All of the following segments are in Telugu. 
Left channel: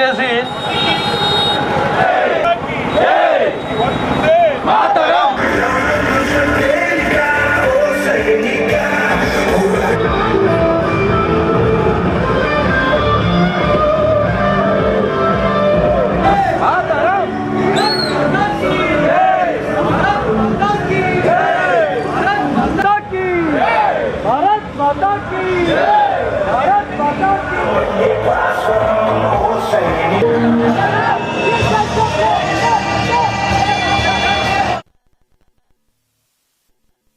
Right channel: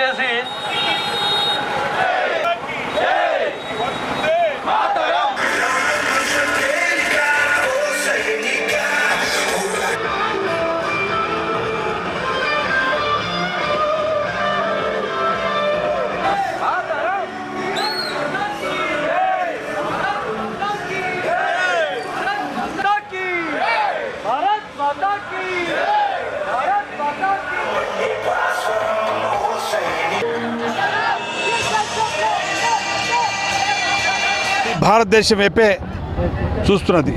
చేసి భారతదేశం వైపే చూస్తున్నది.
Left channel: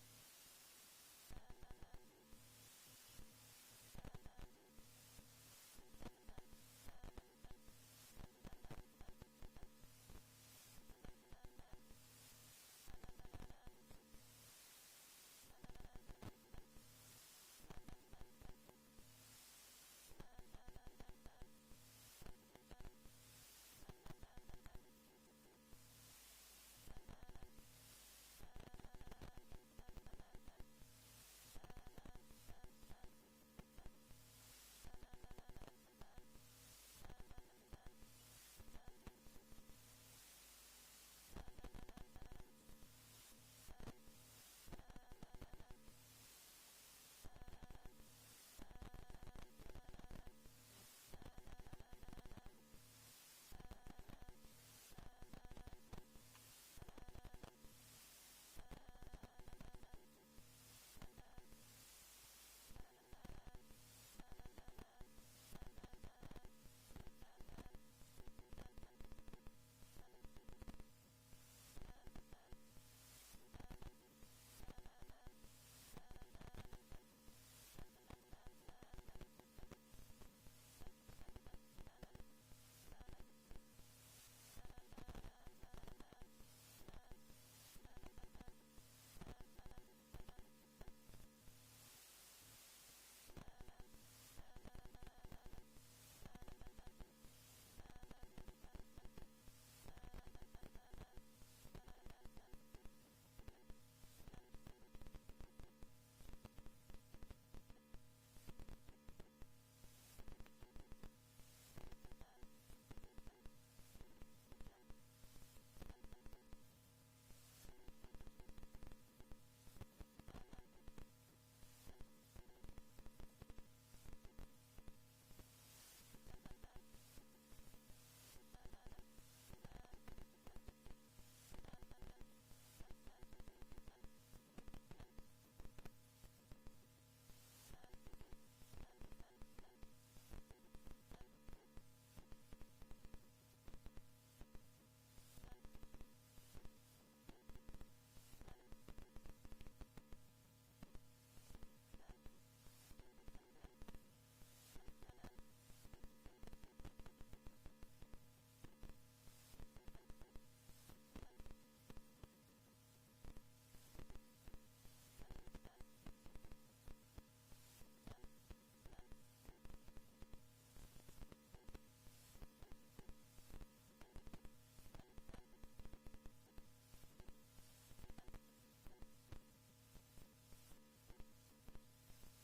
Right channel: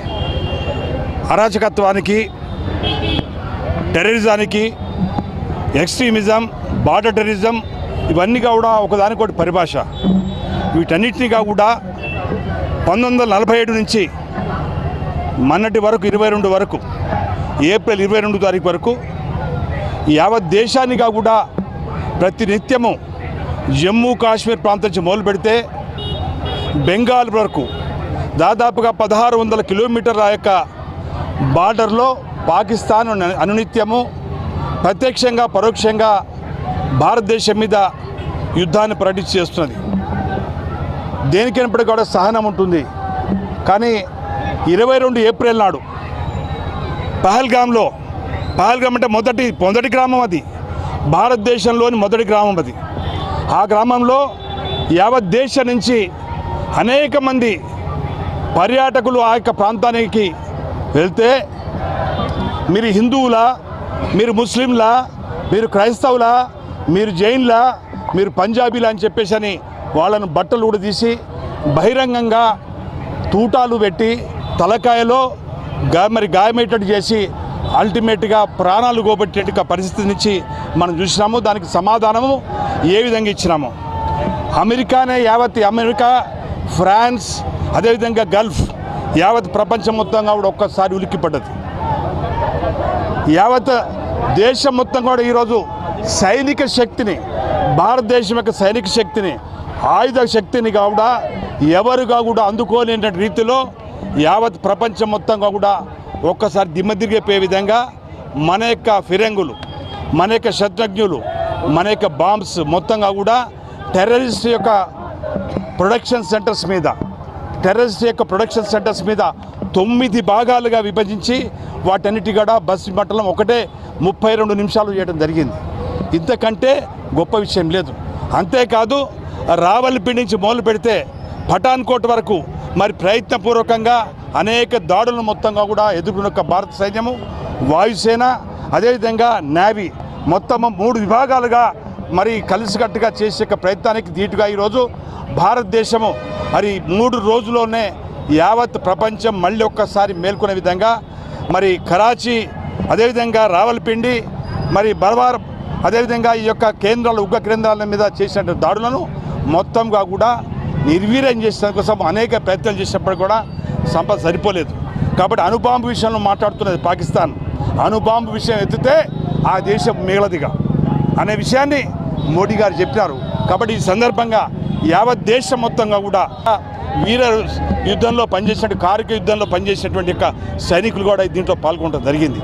అరాచకత్వానికి, టెర్రరిజానికి, ఎక్స్ట్రీమిజం, బార్డర్ టెర్రరిజం ఇవన్నీ కూడా ఒకదానికొకటి పరిభాష. వీటన్నిటినీ కూడా 1947 నుంచి మొన్నటి వరకు 22 వరకు ఏప్రిల్ 22 తారీఖు వరకు యావత్ దేశానిగా కూడా ప్రతినిత్యము జమ్మూ కాశ్మీర్ ప్రాంతం నుంచి మొదలు పెడితే బెంగాల్ వరకు దాదాపుగా 1600 కిలోమీటర్ల యొక్క బార్డర్లో పాకిస్తాన్ అనునిత్యము ప్రత్యక్షంగా పరోక్షంగా భారతదేశం మీద యుద్ధాన్ని ప్రకటించి చేస్తున్నది. దేనికైనప్పటికీ కూడా సహనం ఉంటుంది. కానీ 22 ఏప్రిల్ నాడు పహల్గామ్ అంటే మొదటి గ్రామం, అది భారతదేశంలోని మొదటి గ్రామం. అది ఆ గ్రామంలో యావత్ దేశం నుంచి అనేక మంది పర్యాటకులు ఆ యొక్క ప్రాంతానికి వెళ్తే మీరు హిందువులా, మీరు ముస్లింలా, మీరు క్రైస్తవులా, మీరు జైన్లా, మీరు పంజాబీలా అని చెప్పేసి అని వాళ్ళను బట్టలు కూడా తీసి బహిరంగంగా తూటాలు పెట్టి తలకాయలో గాయమయ్యేటట్టు చేసి అల్టిమేట్గా ప్రాణాలు గోబెట్టేట పరిస్థితి నుంచి మనం చూసినాము. దానికి సమాధానము ఏ విధంగా ఇచ్చినాము. అమెరికా, ఫ్రాన్స్, అదేవిధంగా గల్ఫ్ యావత్ ప్రపంచం మొత్తంగా కూడా ఒక్కసారి ఉలిక్కిపడ్డది. యావత్ దేశం మొత్తం కూడా ఈరోజు సైనిక శక్తిని, భారతదేశం యొక్క సైనిక శక్తిని, ఆయుధ శక్తిని కూడా ఎవరుగా కూడా అందుకోలేని రీతిలో యావత్ ప్రపంచం మొత్తంగా కూడా ఒక్కసారి దిమ్మదిరిగిపోయే విధంగా మన యొక్క ఫిరంగులు, మన యొక్క శత్రుఘ్నులు, మన యొక్క బాంబ్స్ మొత్తంగా కూడా టెర్రరిస్ట్ యొక్క ప్రొడక్షన్ సెంటర్స్ మీద 9 భాగాలుగా విభజించి వాటన్నిటి కూడా బస్సు మండలం ఒకటే 32 నిమిషాలు చేయడం జరిగింది. ఇంతకంటే గొప్ప విషయం లేదు. అంతేకాదు రావల్పిండి నుంచి మొదలు పెడితే పఠాన్కోట్ వరకు మరి ప్రయత్నపూర్వకంగా అనేక దాడులను మొత్తంగా కూడా ఎదుర్కొన్న భారత సైన్యము, వాయుసేన, అదేవిధంగా నేవీ మొత్తం 3 విభాగాలుగా మరి కలిసికట్టుగా చేసే ప్రయత్నానికి ధీటుగా ఈరోజు భారతదేశము మరి 3 రోజుల్లోనే యావత్ ప్రపంచం మళ్ళీ ఒక్కసారి మేల్కొనే విధంగా మరి కరాచీ, అదేవిధంగా రావల్పిండి, మరి బర్వార్, అదేవిధంగా ఈ యొక్క కేంద్రాలు, ఉగ్ర కేంద్రాల మీద చేసిన దాడులను మొత్తంగా కూడా నిర్వీర్యం చేసే కోసం అనేక ప్రయత్నాలు చేసినప్పుడు కూడా సంపద సరిపోలేదు. కాబట్టి అణుబాంబు విషయంలో మాట్లాడుతున్నది పాకిస్తాన్. అణుబాంబు విషయం ఎత్తితే ఆ దేశం మిగలదిగా అనే విషయాన్ని మోడీ గారు చెప్పినారు. కాబట్టి ఈ సందర్భంగా యావత్ దేశం మొత్తంగా కూడా వీర యుద్ధంలో పనిచేసినట్టు, కారక యుద్ధంలో పనిచేసినటువంటి యొక్క సైనికులు కూడా దీంట్లో పాల్గొనడం జరిగింది.